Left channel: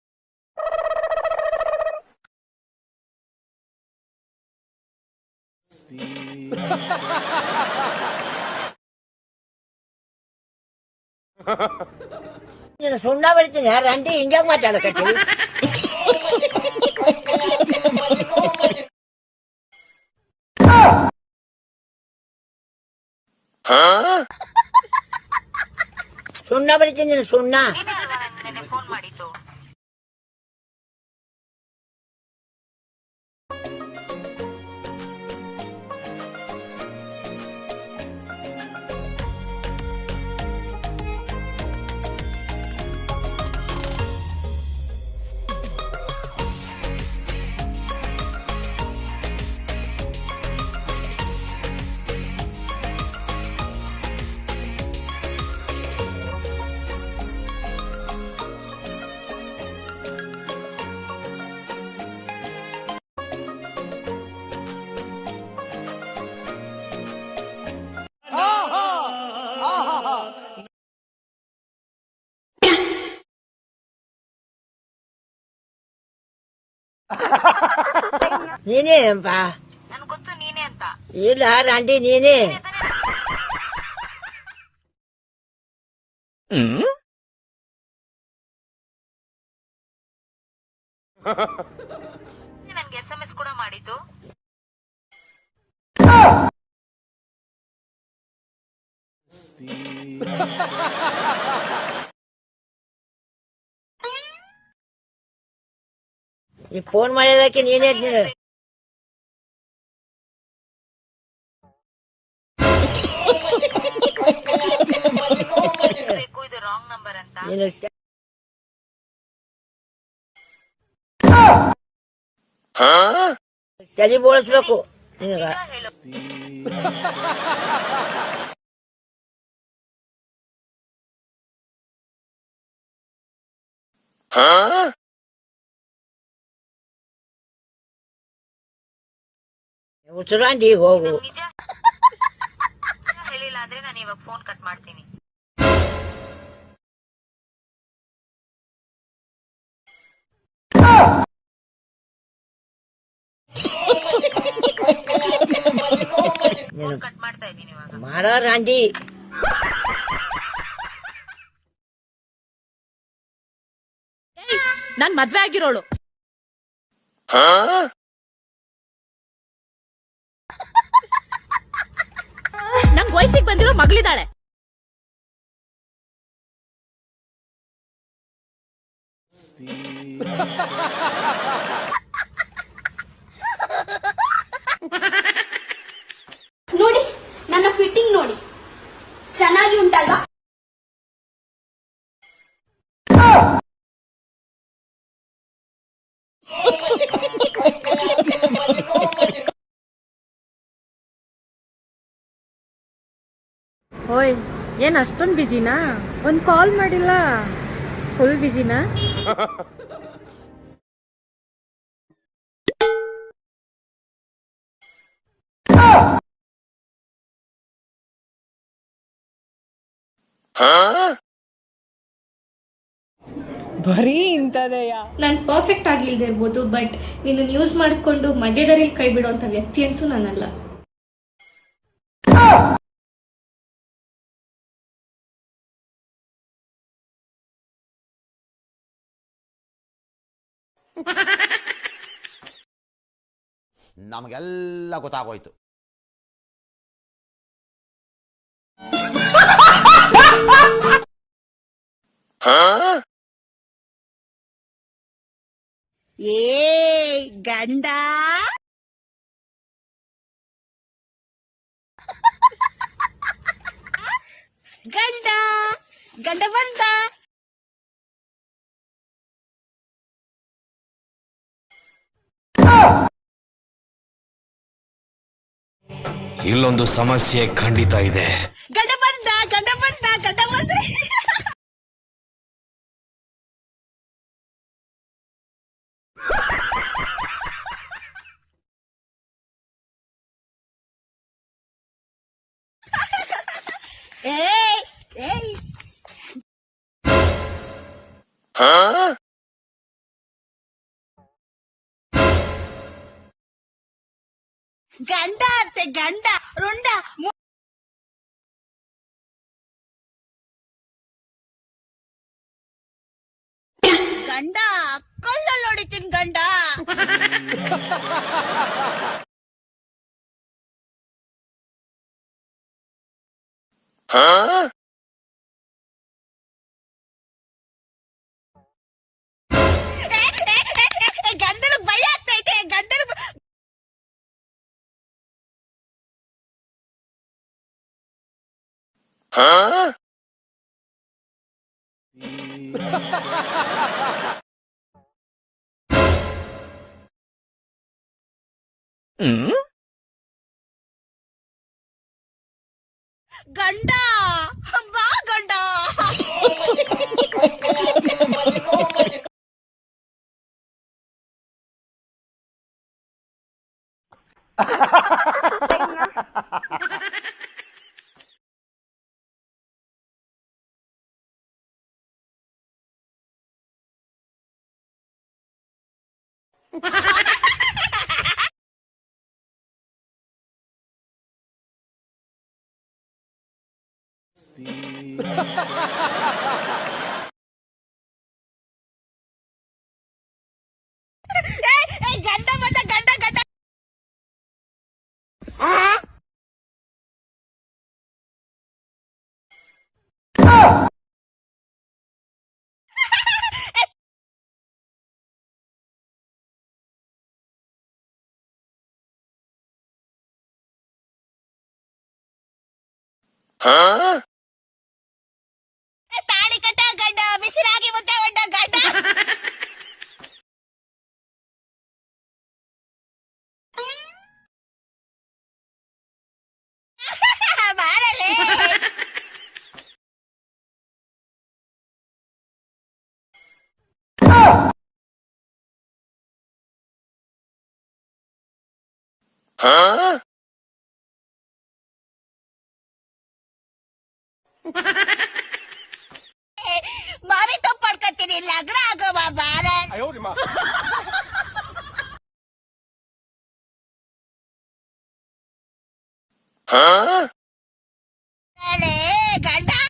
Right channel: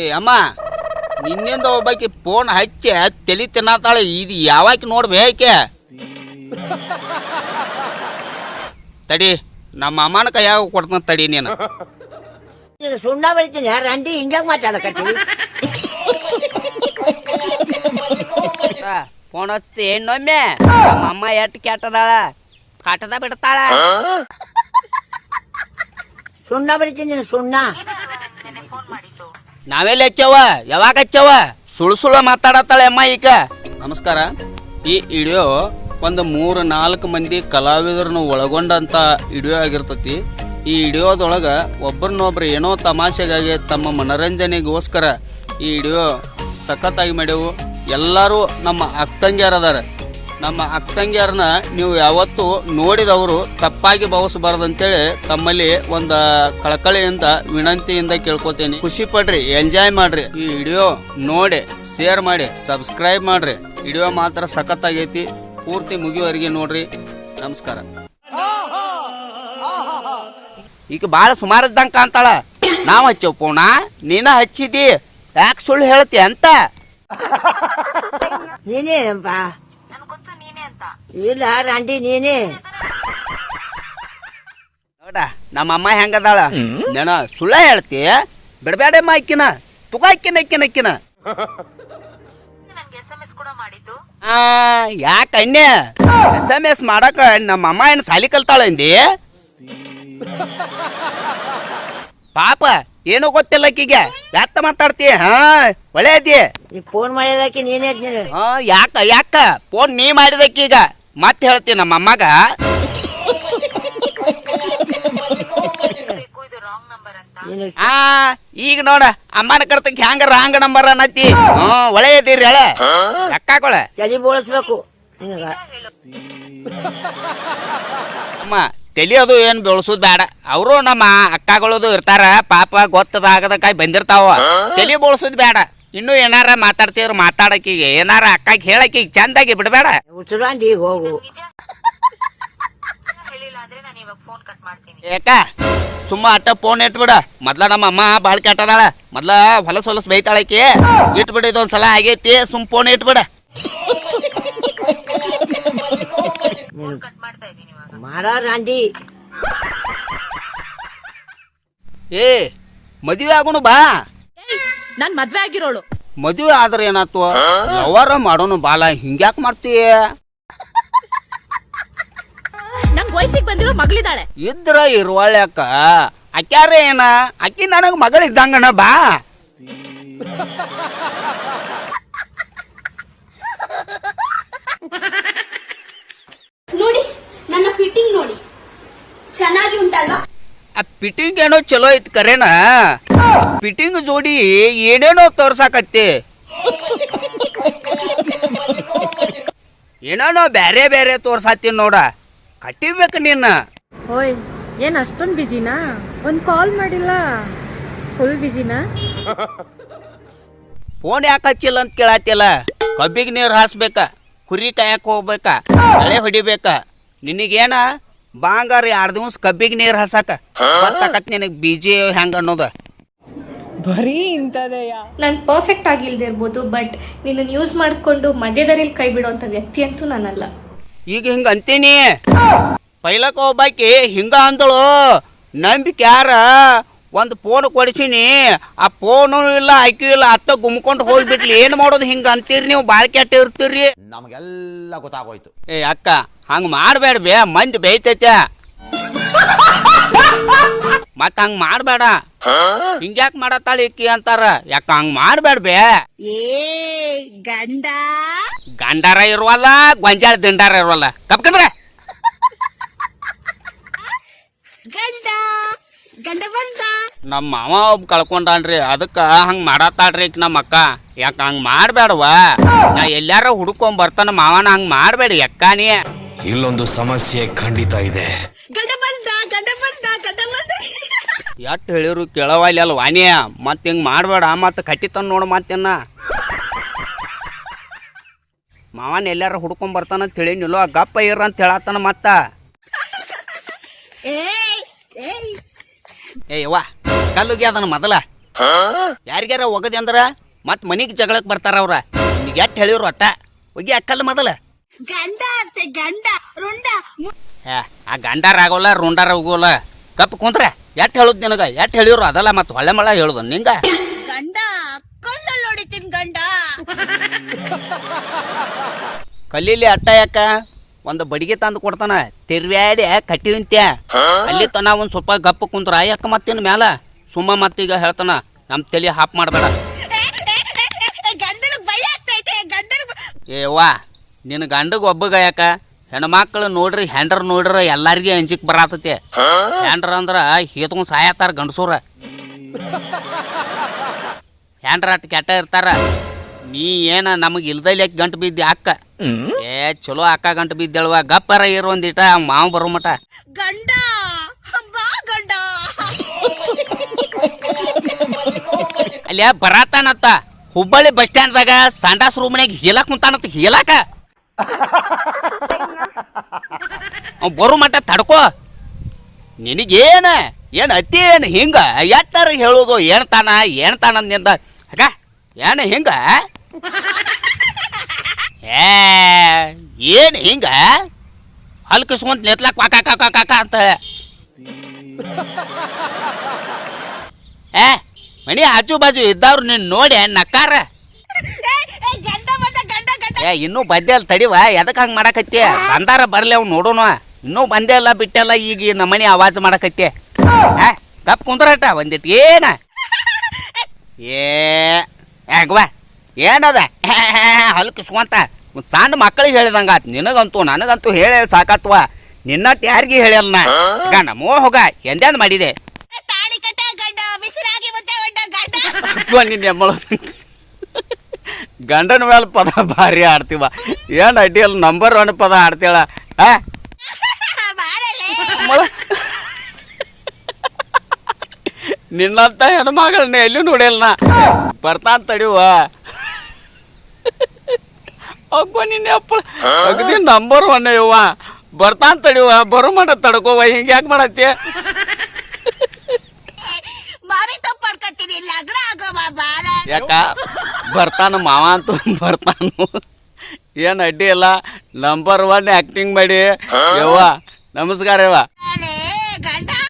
ಏ ಅಮ್ಮ ನಿನ್ನಿಂದ ಒಬ್ಬಾಕಿ ಫೋನ್ ಹಚ್ಚಿ ತಲಿ ತಿನ್ನತಾಳೆ. ಇದು ಯಾವಾಕಿ ನೋಡ್ಬೇಕೆ ತಡಿ ನಮ್ಮ ಅಮ್ಮನ ಕೈಯಾಗ ಕೊಡ್ತಾನ ತಡಿ ನೀನು. ಸುಣ್ಣ ಬರಿತೀನಿ ಅಂಡಿ ಹಿಂಗ್ಯಾಗ ಮಾತಾಡಕತ್ತೀವಿ ಫೋನ್ ಹಚ್ಚಿ ಇನ್ನೊಮ್ಮೆ ಅಮ್ಮ ಎಟ್ಟು ಕೆಟ್ಟದಾಳ? ಕಾಟದ ಬಿಡ್ತಾಳ. ಸುಣ್ಣ ಬರಿತೀನಿ ಸುಣ್ಣ. ನಾವೆಲ್ಲ ಹಚ್ಚವ ಯಾವಾಗ ಹಚ್ಚವ ಸುಳು ಸುಳ್ಳು ಮಾತಾಡತ್ತಾಳೆ ಅಮ್ಮ ಈಗ. ನಮಸ್ಕಾರ. ಈ ವಿಡಿಯೋ ಒಂದು ಮೂರು ನಾಲ್ಕು ಮಂದಿ ಕಲಾವಿದರನ್ನು ಒಳಗೊಂಡಂತ ವಿಡಿಯೋ ಆಗಿರ್ತತಿ. ಈ ವಿಡಿಯೋದೊಳಗ ಒಬ್ಬರನ್ನೊಬ್ರು ಏನೋ ತಮಾಷೆಗಾಗಿ ತಮ್ಮ ಮನರಂಜನೆಗೋಸ್ಕರ ಈ ವಿಡಿಯೋ ಸಖತ್ತಾಗಿ ಮಾಡ್ಯವು. ಎಲ್ಲರೂ ನಮ್ಮ ಅಕ್ಕಂಗ್ಯಾರ ನಮ್ಮ ತಂಗಿಯರನ್ನ ನೀವು ಯಾವತ್ತೂ ನೋಡಿದವರು ತಪ್ಪಾಗಿ ಭಾವಿಸಬಾರ್ದಂತೇಳಿ ತಮ್ಮಲ್ಲಿ ಒಂದು ಕಳಕಳಿಯಿಂದ ವಿನಂತಿಯಿಂದ ಕೇಳ್ಕೊತೀನಿ. ಖುಷಿ ಪಡ್ರಿ ಎಂಜಾಯ್ ಮಾಡ್ರಿ. ಈ ವಿಡಿಯೋ ನೋಡಿ ಶೇರ್ ಮಾಡಿ ಸಬ್ಸ್ಕ್ರೈಬ್ ಮಾಡ್ರಿ. ವಿಡಿಯೋ ಮಾತ್ರ ಸಖತ್ತಾಗೈತಿ. ಪೂರ್ತಿ ಮುಗಿಯುವವರೆಗೆ ನೋಡ್ರಿ. ನಮಸ್ಕಾರ. ಈಗ ಭಾಳ ಸುಮಾರು ಇದ್ದಂಗೆ ಕಾಣ್ತಾಳ. ನಾವು ಹಚ್ಚವ್ ಪೋಣ ನೀನ ಹಚ್ಚಿದಿ. ಯಾಕೆ ಸುಳ್ಳು ಹೇಳ್ತಿ ಅಂತ? ನೀನೇನಪ್ಪ ಇಲ್ಲ ರಂಡಿ ನೀನೇ. ನೋಡ ನಮ್ಮ ಅಮ್ಮ ಹೆಂಗದಾಳ ನೆನ ಸುಳ್ಳ ಹೇಳ್ತಿ ಬಿಡಬೇಡಮ್ಮ ಅಕ್ಕಿನ ತುಗ ಅಕ್ಕಿನ ಅಕ್ಕಿನ ಅಕ್ಕಿನ ಆ ಯಾಕ ಅಣ್ಣೆ? ಎಸ್ ಎಂ ಎಸ್ ಮಾಡಕ ನಮ್ಮ ಅಮ್ಮ ಏನ್ ಸಾಲಿ ಕಲ್ತಾಳ ಅಂದಿ? ಪಾಪ ಏನೂ ಗೊತ್ತಿಲ್ಲ ಅಕ್ಕಿಗೆ ಯಾತ ಮಾತಾಡ್ತಿ? ಹಾ ಒಳ್ಳೆ ಅದಿ. ಈ ಫೋನ್ ಮಾಡಿದಕ್ಕೆ ನೀನೇ ನೀನು ಹಾ ಯಾಕ ಯಾಕ? ಫೋನ್ ನೀ ಮಾಡಿದಕ್ಕೀಗ ಮತ್ತೆ ಹೇಳ್ತೀವಿ ನಮ್ಮ ಅಮ್ಮಗ. ಆ ಈಗ ನೋಡ ಅಮ್ಮನ ಕರ್ತಕ್ಕೆ ಹ್ಯಾಂಗ ರಾಂಗ್ ನಂಬರ್ ಅನ್ನತಿ ಒಳೆ ಒಳ್ಳೆ ಇದೀರಿ ಹೇಳ. ಅಕ್ಕಾಕೊಳ ತಲೆ ಬೋಳಿಸ್ಬೇಕು ಅಮ್ಮ ಅಮ್ಮ ಅದು ಏನ್ ಬೆಳಸುದ್ ಬೇಡ. ಅವರು ನಮ್ಮ ಅಕ್ಕಗಳದು ಇರ್ತಾರ ಪಾಪ ಗೊತ್ತದಾಗದ ಕಾಯಿ ಬಂದಿರ್ತಾವ. ತಲಿ ಬೋಳ್ಸೋದ್ ಬೇಡ. ಇನ್ನು ಏನಾರ ಮಾತಾಡ್ತಿದ್ರು ಮಾತಾಡಕೀಗ ಏನಾರ ಅಕ್ಕಾಗಿ ಹೇಳಕಿಗೆ ಚಂದಾಗಿ ಬಿಡಬೇಡ. ಉಸಿರಾಂಡಿ ಹೋಗು. ಯಾಕ ಸುಮ್ಮ ಅಟ್ಟ ಫೋನ್ ಇಟ್ಬಿಡ. ಮೊದ್ಲ ನಮ್ಮ ಅಮ್ಮ ಬಾಳ್ ಕೆಟ್ಟದಾಳ. ಮೊದ್ಲ ಹೊಲಸ್ ಹೊಲಸ್ ಬೈತಾಳಕಿ ಇಟ್ಬಿಡ ಇದೊಂದ್ಸಲ ಆಗೈತಿ ಸುಮ್ ಫೋನ್ ಇಟ್ಬಿಡ. ಮಾಡೋ ಏ ಮದುವೆ ಆಗೋನು ಬಾ. ನಾನ್ ಮದ್ವೆ ಆಗಿರೋಳು. ಮದುವೆ ಆದ್ರೆ ಏನಾತು ಅವರ ಮಾಡೋನು ಬಾಲ ಹಿಂಗ್ಯಾಕ್ ಮಾಡ್ತೀಯ ನಂಗ್ ವಯಸ್ಸಿಗೆ ಬಂದಿರೋ ಮಗಳಿದ್ದಾಳೆ. ಇದ್ರ ಇರುವಳ್ಯಾಕ ಅಕ್ಯಾರ ಏನ? ಅಕ್ಕಿ ನನಗ್ ಮಗಳಿದ್ದಂಗನ ಬಾ. ನೋಡಿ ನನ್ನ ಫಿಟ್ಟಿಂಗ್ ನೋಡಿ. ಚೆನ್ನಾಗಿ ಉಂಟಲ್ವಾ? ಆ ಫಿಟ್ಟಿಂಗ್ ಏನೋ ಚಲೋ ಐತ್ ಕರೇನ? ಫಿಟ್ಟಿಂಗ್ ಜೋಡಿ ಏನೇನೋ ತೋರ್ಸಾಕತ್ತಿ. ಏನೇನೋ ಬ್ಯಾರೆ ಬ್ಯಾರೆ ತೋರ್ಸಾತಿ ನೋಡ. ಕಟ್ಟಿಬೇಕು ನಿನ್ನ. ಓಯ್ ಏನ್ ಅಷ್ಟೊಂದ್ ಬಿಜಿನಾ ಒಂದ್ ಕಾಲ್ ಮಾಡಿಲ್ಲ. ಫುಲ್ ಬಿಜಿನಾ ಫೋನ್ ಯಾಕೆ ಹಚ್ಚಿಲ್ಲ ಅಂತ ಕೇಳತ್ತಿಲ್ಲ. ಕಬ್ಬಿಗೆ ನೀರು ಹಾಸ್ಬೇಕ? ಕುರಿ ಕಾಯಕ್ ಹೋಗ್ಬೇಕಾ? ಹೊಡಿಬೇಕ? ನಿನಗೇನ? ಬಾಂಗಾರ ಎರಡು ದಿವಸ ಕಬ್ಬಿಗೆ ನೀರು ಹಸಾಕ ನಿನಗೆ ಬೀಜಿ ಹೆಂಗ ಅನ್ನೋದ. ನಾನು ಪರ್ಫೆಕ್ಟ್ ಆಗಿಲ್ದೆ ಇರ್ಬೋದು ಬಟ್ ನಿನ್ನ ಯೂಸ್ ಮಾಡ್ಕೊಂಡು ಮಧ್ಯದಲ್ಲಿ ಕೈ ಬಿಡುವಂತ ವ್ಯಕ್ತಿ ಅಂತೂ ನಾನಲ್ಲ. ಈಗ ಹಿಂಗ ಅಂತೀನಿ. ಪೈಲಕ ಒಬ್ಬಾಕಿ ಹಿಂಗ ಅಂದಳು. ನಂಬಿಕೆ ಯಾರ? ಒಂದು ಫೋನ್ ಕೊಡಿಸೀನಿ. ಆ ಫೋನು ಇಲ್ಲ ಐಕ್ಯು ಇಲ್ಲ ಅತ್ತ ಗುಮ್ಕೊಂಡು ಹೋಗ್ಬಿಟ್ಲಿ. ಏನ್ ಮಾಡೋದು ಹಿಂಗ ಅಂತೀರಿ ನೀವು? ಬಾಳ್ ಕೆಟ್ಟ ಇರ್ತೀರಿ. ನಮಗೆಲ್ಲ ಗೊತ್ತಾಗೋಯ್ತು. ಏ ಅಕ್ಕ ಹಂಗ ಮಾಡಬೇಡ ಬೇ ಮಂದಿ ಬೈತೈತೆ ಮತ್ತ ಹಂಗ ಮಾಡ್ಬೇಡ. ಹಿಂಗ್ಯಾಕ್ ಮಾಡತ್ತಾಳ ಇಕ್ಕಿ ಅಂತಾರ. ಯಾಕ ಹಂಗ ಮಾಡಬೇಡ ಬೇ ಗಂಡಾರ ಇರುವಲ್ಲ ಗೊಂಜಾಳ ದಿಂಡಾರ ಇರುವಲ್ಲ. ಕಪ್ಕಂದ್ರ? ನಮ್ಮ ಮಾವ ಒಬ್ಬ ಕಳ್ಕೊಂಡಾನ್ರಿ ಅದಕ್ಕ ಹಂಗ ಮಾಡತ್ತಾಳ್ರಿ ಈಕಿ ನಮ್ಮ ಅಕ್ಕ. ಯಾಕ ಹಂಗ ಮಾಡ್ಬೇಡವ ನಾ ಎಲ್ಲಾರ ಹುಡ್ಕೊಂಡ್ ಬರ್ತಾನ ಮಾವನ ಹಂಗ ಮಾಡ್ಬೇಡಿ ಯಕ್ಕಾನಿ ಇಲ್ಲೊಂದು ಸಮಸ್ಯೆ ಖಂಡಿತ ಇದೆ. ಎಟ್ ಹೇಳಿರು ಕೇಳವಾಲಿ ಅಲ್ ವಾಣಿಯ ಮತ್ ಹಿಂಗ್ ಮಾಡ್ಬೇಡ ಮತ್ ಕಟ್ಟಿತನ್ ನೋಡು ಮತ್ತೇನ ಮಾವನ್ ಎಲ್ಲಾರ ಹುಡ್ಕೊಂಡ್ ಬರ್ತಾನ ಅಂತ ಹೇಳಿನಿಲ್ಲೋ ಗಪ್ಪ ಇರ ಅಂತ ಹೇಳತ್ತಾನ ಮತ್ತ. ಏ ಯವ್ವ ಕಲ್ಲುಗಿ ಅದನ್ನ ಮೊದಲ. ಯಾರಿಗ್ಯಾರ ಒಗದಿ ಅಂದ್ರ? ಮತ್ ಮನಿಗ್ ಜಗಳಕ್ ಬರ್ತಾರ ಅವ್ರ. ಎಟ್ ಹೇಳಿವ್ರು ಅಟ್ಟ? ಹೋಗಿ ಅಕ್ಕಲ್ಲ ಮೊದಲ. ಗಂಡ ಅಂತೆ ಗಂಡ ರುಂಡ ಏ, ಆ ಗಂಡಾರ ಆಗೋಲ್ಲ ರುಂಡಾರ ಹೋಗೋಲ್ಲ. ಕಪ್ ಕುಂತ್ರ ಎಟ್ ಹೇಳುದ್ ನಿನಗ? ಎಟ್ ಹೇಳಿವ್ರು ಅದಲ್ಲ ಮತ್ ಹೊಳೆ ಮಳ ಹೇಳುದ ನಿಂಗ? ಗಂಡ ಕಣ್ಣಲ್ಲಿ ಹೊಡಿತೀನಿ ಗಂಡ. ಕಲೀಲಿ ಅಟ್ಟ ಯಾಕ? ಒಂದು ಬಡಿಗೆ ತಂದು ಕೊಡ್ತಾನ. ತಿರ್ವ್ಯಾಡಿ ಕಟ್ಟಿ ನಿಂತ್ಯ? ಅಲ್ಲಿ ತನ ಒಂದು ಸ್ವಲ್ಪ ಗಪ್ಪ ಕುಂತ್ರ ಯಾಕ ಮತ್ತಿನ ಮ್ಯಾಲ? ಸುಮ್ಮ ಮತ್ತೀಗ ಹೇಳ್ತಾನ ನಮ್ ತಲೆ ಹಾಪ್ ಮಾಡ್ಬೇಡ. ಏವಾ ನಿನ್ನ ಗಂಡಗ ಒಬ್ಬಗ ಯಾಕ? ಹೆಣ್ಮಕ್ಳು ನೋಡ್ರಿ ಹೆಂಡ್ರ ನೋಡ್ರ ಎಲ್ಲಾರಿಗೆ ಅಂಜಿಕ್ ಬರತೈತಿ. ಹೆಂಡ್ರ ಅಂದ್ರ ಹೇತ್ಕೊಂಡ್ ಸಾಯತ್ತಾರ ಗಂಡಸೂರ. ಹೆಂಡ್ರ ಅಟ್ ಕೆಟ್ಟ ಇರ್ತಾರ. ನೀ ಏನ ನಮಗ್ ಇಲ್ದಲ್ಲಿ ಗಂಟು ಬಿದ್ದಿ ಅಕ್ಕ? ಏ ಚಲೋ ಅಕ್ಕ ಗಂಟು ಬಿದ್ದೆಳುವ ಗಪ್ಪರ ಇರು ಒಂದಿಟ ಮಾವ ಬರೋ ಮಟ. ಗಂಡ ಬಾ ಗಂಡ. ಅಲ್ಲ ಬರಾತಾನತ್ತ. ಹುಬ್ಬಳ್ಳಿ ಬಸ್ ಸ್ಟ್ಯಾಂಡ್ದಾಗ ಸಂಡಾಸ್ ರೂಮ್ನಾಗ ಹೇಳಕ್ ಕುಂತಾನತ್ತ ಹೇಳಕ ಅವ್ ಬರೋ ಮಟ ತಡ್ಕೋ. ನಿನಗೇನ ಏನ್ ಅತಿ ಏನು ಹಿಂಗ ಎಟ್ಟಾರ ಹೇಳೋದು ಏನ್ ತಾನ ಏನ್ ತಾನ ಅಂದಿಂದ ಅಕ್ಕ ಏನು ಹಿಂಗ? ಏ, ಏನ್ ಹಿಂಗ? ಹಲ್ಕಿಸ್ಕೊಂತ ನೆತ್ಲಕ್ ಕಾಕಾ ಕಾಕ ಕಾಕ ಅಂತ. ಏ ಮನಿ ಆಜು ಬಾಜು ಇದ್ದವ್ರು ನಿನ್ ನೋಡಿ ನಕ್ಕಾರ. ಏ, ಇನ್ನೂ ಬಂದೇ ಅಲ್ಲ ತಡಿವ, ಎದಕ್ ಹಂಗ ಮಾಡಕತ್ತಿ? ಅಂದಾರ ಬರ್ಲಿ ಅವ್ನು ನೋಡೋಣ ಇನ್ನೂ ಬಂದೇ ಅಲ್ಲ ಬಿಟ್ಟೆಲ್ಲ ಈಗ ನಮ್ಮನೆ ಆವಾಜ್ ಮಾಡಕತ್ತಿ. ಕಪ್ ಗಪ್ ಕುಂದ್ರಟ ಬಂದಿಟ್ ಏನ? ಏ ಯಾಕವಾ ಏನದ? ಹಲ್ಕಿಸ್ಕೊಂತ. ಸಣ್ಣ ಮಕ್ಕಳಿಗೆ ಹೇಳಿದಂಗ ಆತ್. ನಿನಗಂತೂ ನನಗಂತೂ ಹೇಳಿ ಸಾಕತ್ವ. ನಿನ್ನ ಯಾರಿಗೆ ಹೇಳಲ್ಲ ನಾ ಗಂಡ ಮೋ ಹೋಗ ಎಂದೆಂದ್ ಮಾಡಿದೆ? ಇವ ನಿನ್ನ ಗಂಡನ ಮೇಲೆ ಪದ ಭಾರಿ ಆಡ್ತೀವ. ಏನ್ ಅಡ್ಡಿಯಲ್ಲ ನಂಬರ್ ಒನ್ ಪದ ಆಡ್ತೀಳ. ಆ? ನಿನ್ನಂತ ಹೆಣ್ಮಗಳನ್ನ ಎಲ್ಲೂ ನೋಡಿಲ್ಲ ನಾ ಬರ್ತಾನ ತಡಿವ. ಅಗ್ಗೋ ನಿನ್ನ ಅಪ್ಪಳ ನಂಬರ್ ಒನ್ ಇವ ಬರ್ತಾನ್ ತಡಿವ ಬರೋ ಮಾಡ ತಡ್ಕೋವ ಹಿಂಗ ಯಾಕೆ ಮಾಡತ್ತಿ? ಮಾವಿ ತಪ್ಪು ಪಡ್ಕೊತೀನಿ ಲಗ್ನ ಆಗೋ ಬಾರ. ಯಾಕ? ಬರ್ತಾನ ಮಾವ ಅಂತ ಬರ್ತಾನು. ಏನ್ ಅಡ್ಡಿ ಇಲ್ಲ. ನಂಬರ್ ಒನ್ ಆಕ್ಟಿಂಗ್ ಮಾಡಿ. ಯವ್ವ ನಮಸ್ಕಾರ ಯವ್ವ.